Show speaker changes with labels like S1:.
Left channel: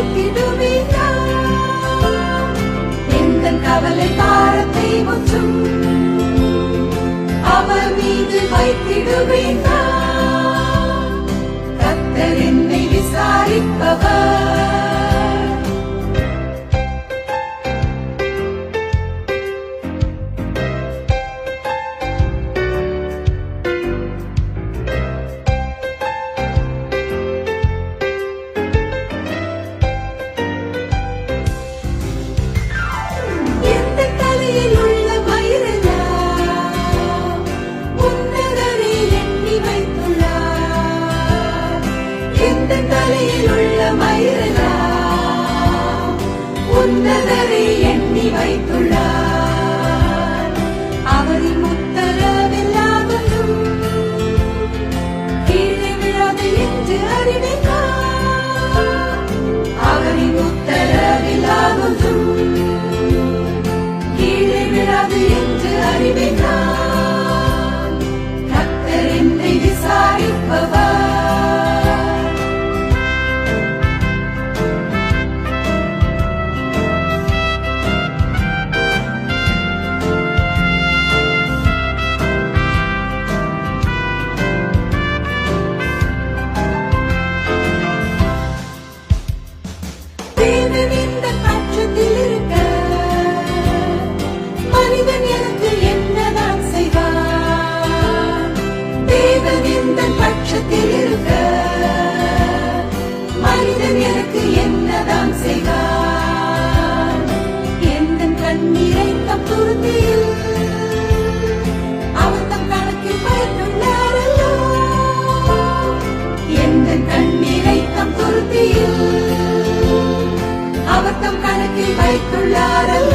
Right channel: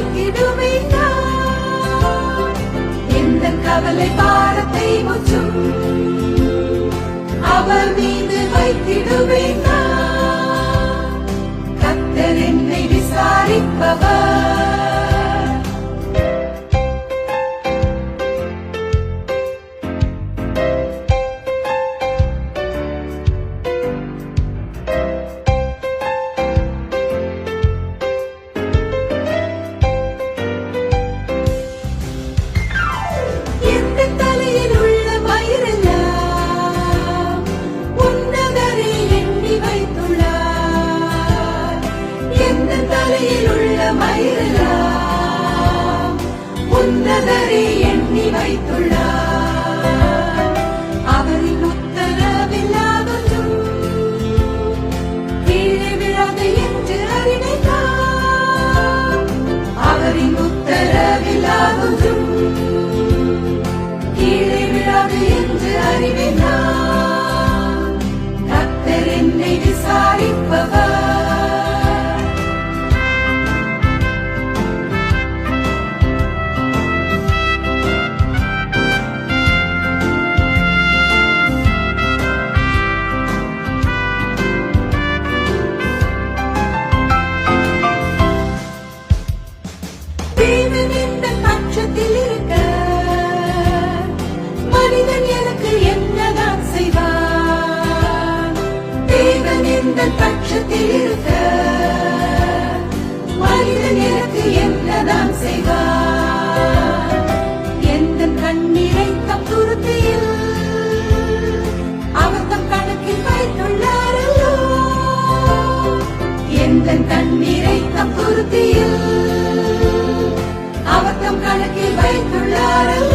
S1: வைத்திடுமையா எந்த கவலை பாரத்தை முற்றும்? அவர் மீது வைத்திடுமையா என்னை விசாரிப்பவர். உன்னதரை எண்ணி வைத்துள்ளார். கண்ணீரை தப்புறுத்தியில் அவத்தம் கணக்கில் மேற்கொள்ளாரல்லா கணக்கில்